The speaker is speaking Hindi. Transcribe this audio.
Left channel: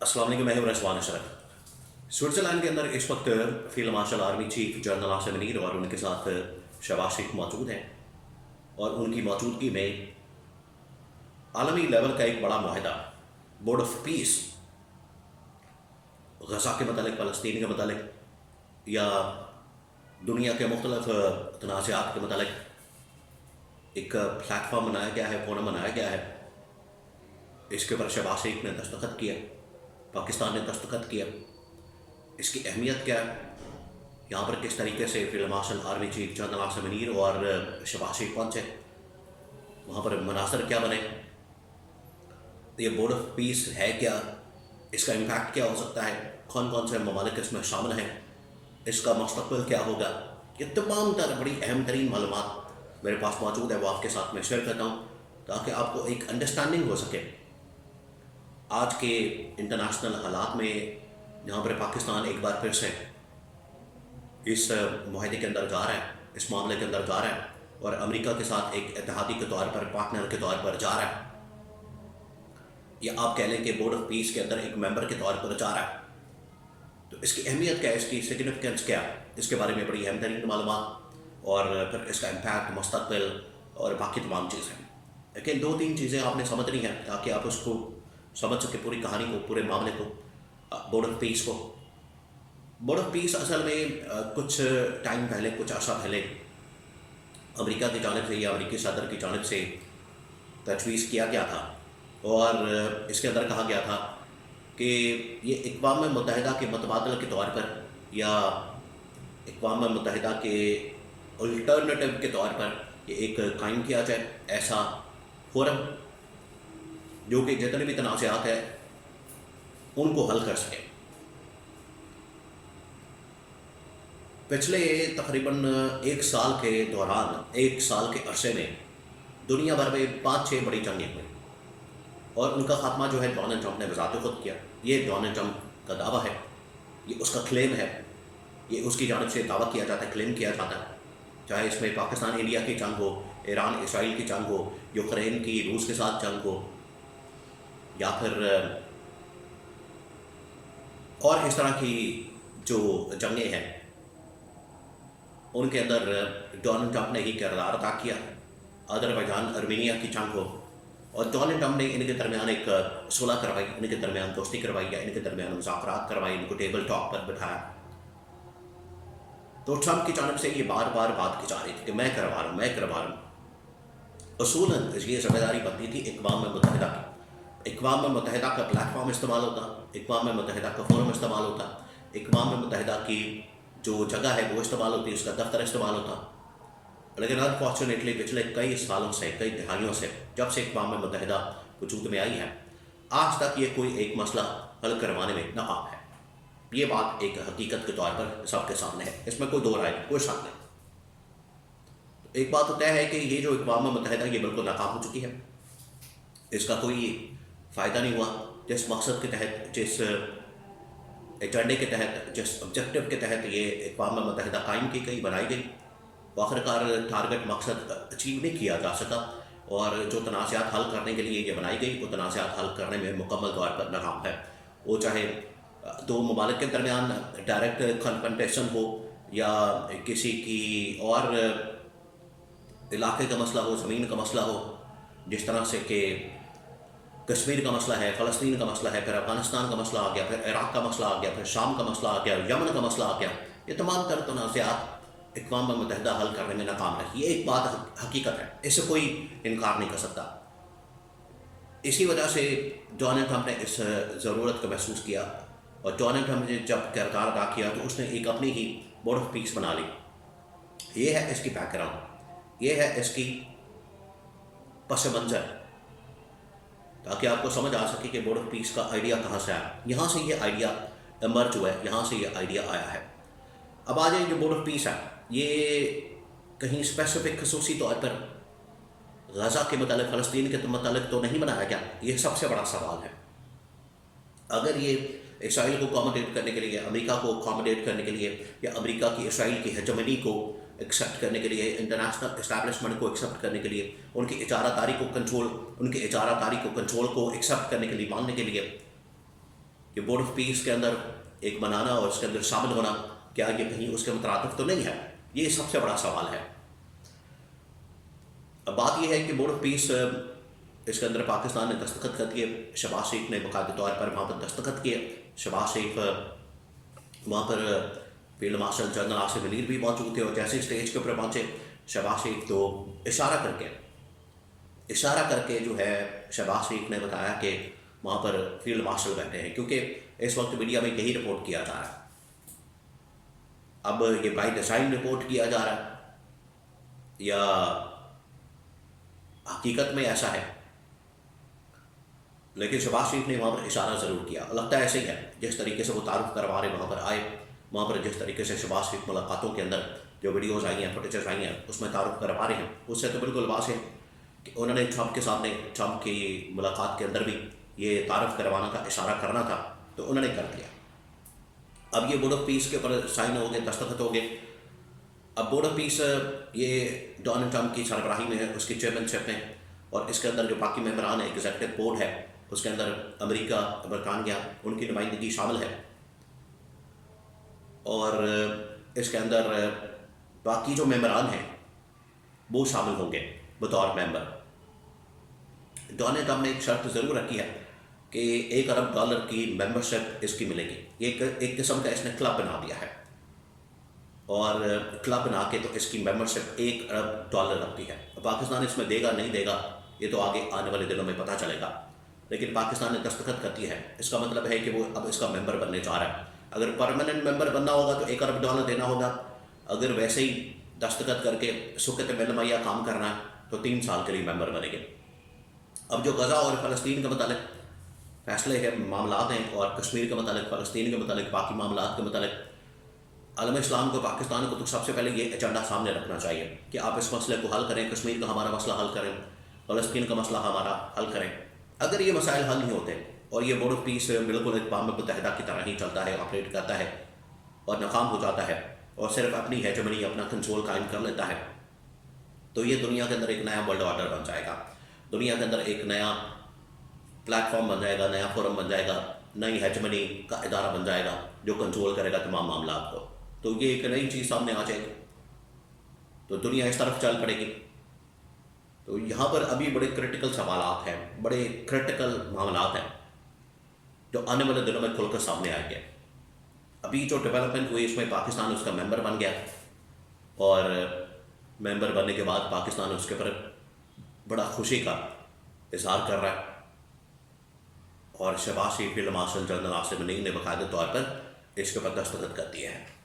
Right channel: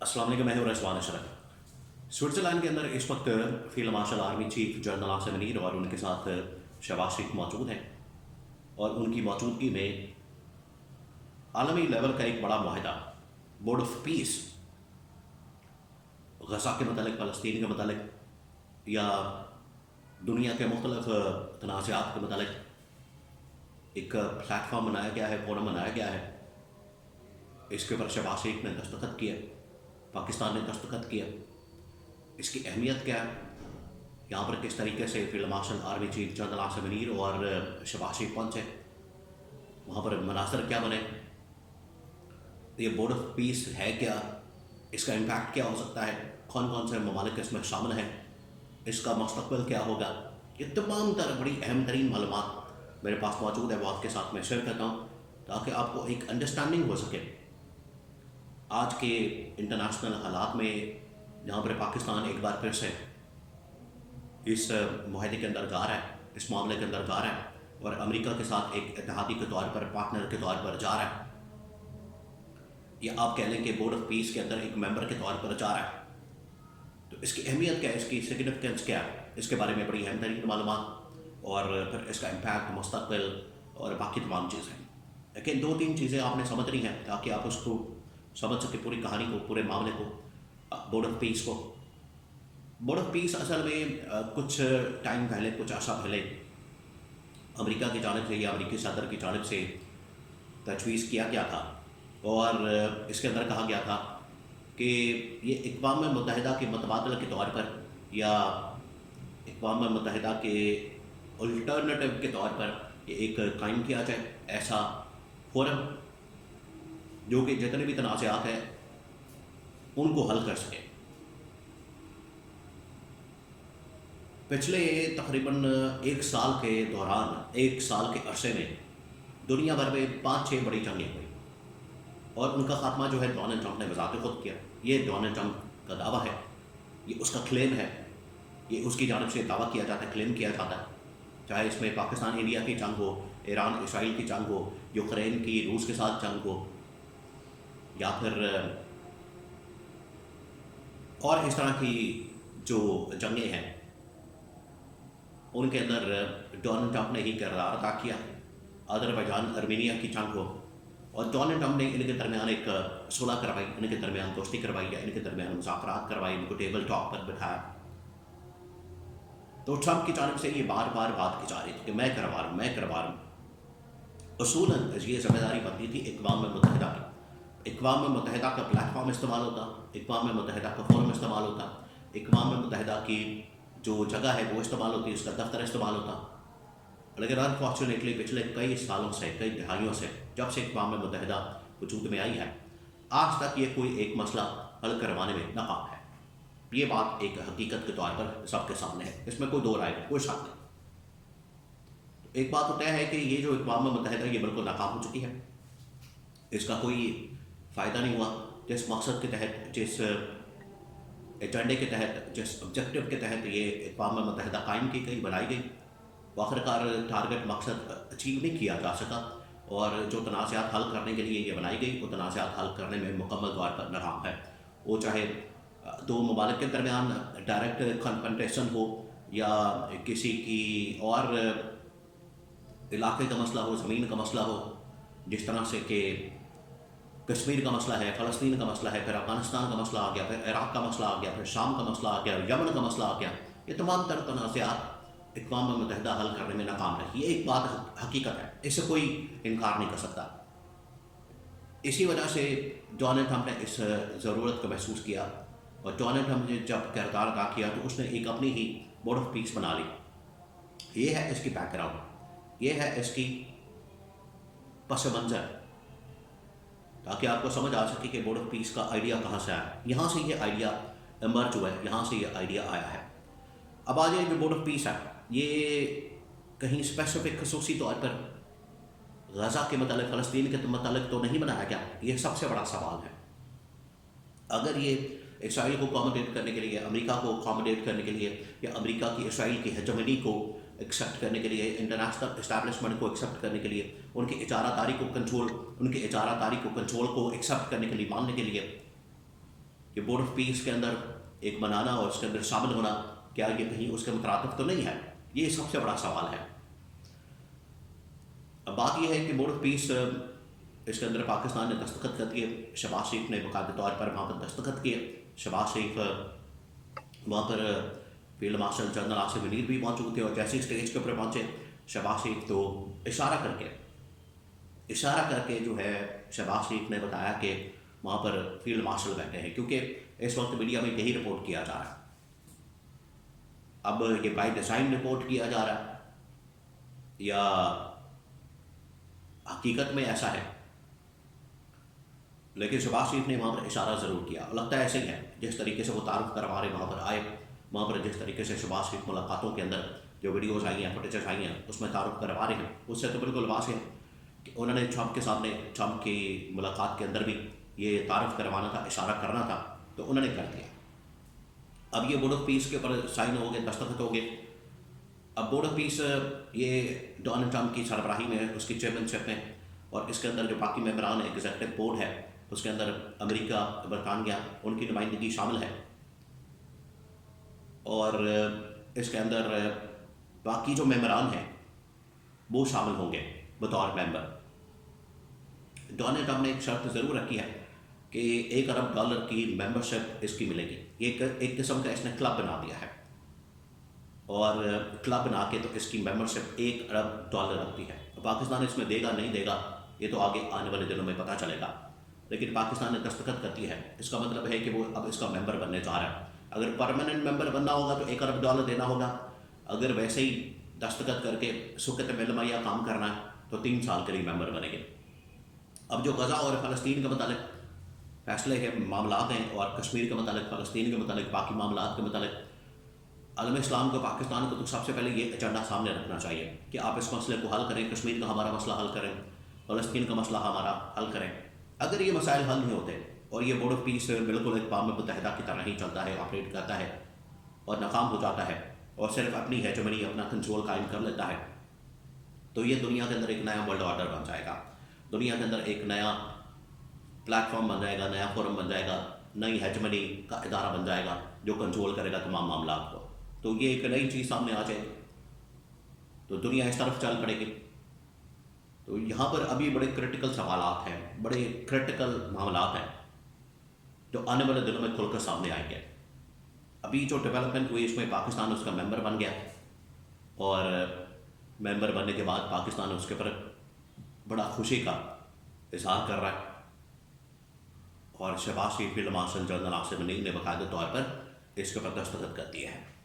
अस्सलाम वालेकुम, मैं हूं रजवान अशरफ। स्विट्ज़रलैंड के अंदर इस वक्त field marshal army chief general Asim Munir और उनके साथ शहबाज शरीफ मौजूद हैं और उनकी मौजूदगी में आलमी लेवल का एक बड़ा मुआहदा बोर्ड ऑफ पीस गज़ा के मतलब, फ़लस्तीन के मतलब या दुनिया के मुख्तलिफ तनाज़ात के मतलब एक प्लेटफॉर्म बनाया गया है, फोरम बनाया गया है। इसके ऊपर शहबाज शरीफ ने दस्तखत किया, पाकिस्तान ने दस्तखत किया। इसकी अहमियत क्या है, यहाँ पर किस तरीके से field marshal army chief general Asim Munir और शहबाज शरीफ पहुँचे, वहाँ पर मनासर क्या बने, ये बोर्ड ऑफ पीस है क्या, इसका इम्पैक्ट क्या हो सकता है, कौन कौन से ममालिक इसमें शामिल हैं, इसका मुस्तक़बिल क्या होगा, ये तमाम बड़ी अहम तरीन मालूमात मेरे पास मौजूद है, वो आपके साथ मैं शेयर करता हूँ ताकि आपको एक अंडरस्टैंडिंग हो सके आज के इंटरनेशनल हालात में, जहाँ पर पाकिस्तान एक बार फिर से इस मुआहदे के अंदर जा रहा है, इस मामले के अंदर जा रहा है और अमेरिका के साथ एक इत्तेहादी के तौर पर, पार्टनर के तौर पर जा रहा है, या आप कह लें कि बोर्ड ऑफ पीस के अंदर एक मेंबर के तौर पर जा रहा है। तो इसकी अहमियत क्या है, इसकी सिग्निफिकेंस क्या है, इसके बारे में बड़ी अहम तरीन मालूमात और फिर इसका इम्पैक्ट, मुस्तक़बिल और बाकी तमाम चीज़ें। लेकिन दो तीन चीज़ें आपने समझनी हैं ताकि आप उसको समझ सके, पूरी कहानी को, पूरे मामले को, बोर्ड ऑफ पीस को। बोर्ड ऑफ पीस असल में कुछ टाइम पहले, कुछ अर्सा पहले अमेरिका की जानिब से या अमेरिकी सदर की जानिब से तजवीज़ किया गया था और इसके अंदर कहा गया था कि ये अक़वाम मुत्तहिदा के मुतबादल के तौर पर या अक़वाम मुत्तहिदा के अल्टरनेटिव के तौर पर ये एक कायम किया जाए ऐसा फोरम, जो कि जितने भी तनाज़ात हैं उनको हल कर सके। पिछले तकरीबन एक साल के दौरान, एक साल के अरसे में दुनिया भर में 5-6 बड़ी जंगें हुई और उनका ख़ात्मा जो है डोनाल्ड ट्रंप ने बज़ाते खुद किया। ये डोनाल्ड ट्रंप का दावा है, ये उसका क्लेम है, ये उसकी जानिब से दावा किया जाता है, क्लेम किया जाता है। चाहे इसमें पाकिस्तान इंडिया की जंग हो, ईरान इसराइल की जंग हो, यूक्रेन की रूस के साथ जंग हो, या फिर और इस तरह की जो जंगें हैं उनके अंदर डोनाल्ड ट्रंप ने ही किरदार अदा किया। अज़रबैजान अर्मीनिया की जंग हो और डोनाल्ड ट्रंप ने इनके दरमियान एक सुलह करवाई, इनके दरमियान दोस्ती करवाई या इनके दरमियान मुज़ाकरात करवाई, इनको टेबल टॉक पर बिठाया। तो ट्रंप की जानिब से ये बार बार बात की जा रही थी कि मैं करवा रहा हूँ, मैं करवा रहा हूँ। असूलन ये जिम्मेदारी बनती थी अक़वाम मुत्तहिदा की। अक़वाम मुत्तहिदा का प्लेटफॉर्म इस्तेमाल होता, अक़वाम मुत्तहिदा का फोरम इस्तेमाल होता, अक़वाम मुत्तहिदा की जो जगह है वो इस्तेमाल होती, उसका दफ्तर इस्तेमाल होता। लेकिन अनफॉर्चुनेटली पिछले कई सालों से, कई दिहाइयों से, जब से अक़वाम मुत्तहिदा वजूद में आई है, आज तक ये कोई एक मसला हल करवाने में नाकाम है। ये बात एक हकीकत के तौर पर सबके सामने है, इसमें कोई दो राय नहीं, कोई शक नहीं। एक बात तो तय है कि ये जो अक़वाम मुत्तहिदा ये बिल्कुल नाकाम हो चुकी है, इसका कोई फ़ायदा नहीं हुआ। जिस मकसद के तहत, जिस एजेंडे के तहत, जिस ऑब्जेक्टिव के तहत ये अक़वाम मुत्तहिदा कायम की गई, बनाई गई, वो आखिरकार टारगेट, मकसद अचीव नहीं किया जा सका और जो तनाज़ात हल करने के लिए ये बनाई गई, वो तनाज़ात हल करने में मुकम्मल तौर पर नाकाम है। वो चाहे दो ममालिक के दरमियान डायरेक्ट कन्फ्रंटेशन हो या किसी की और इलाके का मसला हो, ज़मीन का मसला हो, जिस तरह से कि कश्मीर का मसला है, फ़लस्तीन का मसला है, फिर अफ़गानिस्तान का मसला आ गया, फिर इराक़ का मसला आ गया, फिर शाम का मसला आ गया, यमन का मसला आ गया। ये तमाम तर तनाज़ात अक़वाम मुत्तहिदा हल करने में नाकाम रही। ये एक बात हकीकत है, इससे कोई इनकार नहीं कर सकता। इसी वजह से डोनाल्ड ट्रंप ने इस ज़रूरत को महसूस किया और डोनाल्ड ट्रंप ने जब किरदार अदा किया तो उसने एक अपनी ही बोर्ड ऑफ पीस बना ली। ये है इसकी बैकग्राउंड, ये है इसकी पस मंज़र, ताकि आपको समझ आ सके कि बोर्ड ऑफ पीस का आइडिया कहाँ से आया। यहाँ से ये आइडिया इमर्ज हुआ है, यहाँ से ये आइडिया आया है। अब आ जाए जो बोर्ड ऑफ पीस है, ये कहीं स्पेसिफिक खसूसी तौर पर गज़ा के मतलब, फ़लस्तीन के मतलब तो नहीं बनाया गया। ये सबसे बड़ा सवाल है। अगर ये इसराइल को अकोमोडेट करने के लिए, अमेरिका को अकोमोडेट करने के लिए, या अमेरिका की इसराइल की हेजेमनी को एक्सेप्ट करने के लिए, इंटरनेशनल इस्टेब्लिशमेंट को एक्सेप्ट करने के लिए, उनकी इजारादारी को कंट्रोल, उनकी इजारादारी को कंट्रोल को एक्सेप्ट करने के लिए, मानने के लिए, ये बोर्ड ऑफ पीस के अंदर एक बनाना और उसके अंदर शामिल होना, क्या ये कहीं उसके मुतरादिफ तो नहीं है? ये सबसे बड़ा सवाल है। अब बात यह है कि बोर्ड ऑफ पीस इसके अंदर पाकिस्तान ने दस्तखत कर दिए, शहबाज शरीफ ने बाकायदा तौर पर वहाँ पर दस्तखत किए। शहबाज शरीफ वहाँ पर field marshal general Asif Munir भी मौजूद थे और जैसे स्टेज के ऊपर पहुँचे शहबाज शरीफ तो इशारा करके जो है शहबाज शरीफ ने बताया कि वहाँ पर फील्ड मार्शल बैठे हैं, क्योंकि इस वक्त मीडिया में यही रिपोर्ट किया जा रहा है। अब ये बाई डिज़ाइन रिपोर्ट किया जा रहा है या हकीकत में ऐसा है, लेकिन शहबाज शरीफ ने वहाँ पर इशारा ज़रूर किया। लगता है ऐसे ही है, जिस तरीके से वो तारुफ करवा रहे वहाँ पर आए, वहाँ पर जिस तरीके से शहबाज शरीफ मुलाकातों के अंदर जो वीडियोज़ आई हैं, फुटेजेस आई हैं, उसमें तारुफ करवा रहे हैं, उससे तो बिल्कुल वाज़ेह है कि उन्होंने ट्रंप के सामने, ट्रंप की मुलाकात के अंदर भी ये तारुफ करवाना था, इशारा करना था, तो उन्होंने कर दिया। अब ये बोर्ड ऑफ पीस के ऊपर साइन हो गए, दस्तखत हो गए। अब बोर्ड ऑफ पीस ये डोनाल्ड ट्रंप की सरबराही में, उसकी चेयरमैनशिप में, और इसके अंदर जो बाकी मेंबरान है, एग्जीक्यूटिव बोर्ड है, उसके अंदर अमेरिका, बरतानिया, उनकी नुमाइंदगी शामिल है, और इसके अंदर बाकी जो मेंबरान हैं वो शामिल होंगे बतौर मेंबर। डोनाल्ड ट्रंप ने एक शर्त ज़रूर रखी है कि $1 अरब की मेंबरशिप इसकी मिलेगी। एक किस्म का इसने क्लब बना दिया है, और क्लब बना के तो इसकी मेंबरशिप $1 अरब रखती है। पाकिस्तान इसमें देगा नहीं देगा ये तो आगे आने वाले दिनों में पता चलेगा, लेकिन पाकिस्तान ने दस्तखत कर दी है। इसका मतलब है कि वो अब इसका मेंबर बनने जा रहा है। अगर परमानेंट मेंबर बनना होगा तो $1 अरब देना होगा। अगर वैसे ही दस्तखत करके सुकत मिलमैया काम करना है तो 3 साल के लिए मेंबर बनेंगे। अब जो गज़ा और फ़लस्तीन के मतलब फैसले हैं, मामलात हैं, और कश्मीर के मतलब, फ़लस्तीन के मतलब, बाकी मामलात के मतलब, आलम इस्लाम को, पाकिस्तान को तो सबसे पहले ये एजेंडा सामने रखना चाहिए कि आप इस मसले को हल करें, कश्मीर का हमारा मसला हल करें, फ़लस्तीन का मसला हमारा हल करें। अगर ये मसाइल हल नहीं होते और ये बोर्ड ऑफ पीस बिल्कुल अक़वाम मुत्तहिदा की तरह ही चलता है, ऑपरेट करता है और नाकाम हो जाता है और सिर्फ अपनी हेजमनी, अपना कंट्रोल कायम कर लेता है, तो ये दुनिया के अंदर एक नया वर्ल्ड ऑर्डर बन जाएगा। दुनिया के अंदर एक नया प्लेटफॉर्म बन जाएगा, नया फोरम बन जाएगा, नई हेजमनी का इदारा बन जाएगा जो कंट्रोल करेगा तमाम मामलात को। तो ये एक नई चीज़ सामने आ जाएगी, तो दुनिया इस तरफ चल पड़ेगी। तो यहाँ पर अभी बड़े क्रिटिकल सवालात हैं, बड़े क्रिटिकल मामलात हैं जो आने वाले दिनों में खुलकर सामने आएंगे। अभी जो डेवलपमेंट हुई इसमें पाकिस्तान उसका मेंबर बन गया, और मेंबर बनने के बाद पाकिस्तान उसके ऊपर बड़ा खुशी का इजहार कर रहा है, और Shahbaz Sharif field marshal general Asif Munir ने बाकायदा तौर पर इसके ऊपर दस्तखत कर दिए हैं।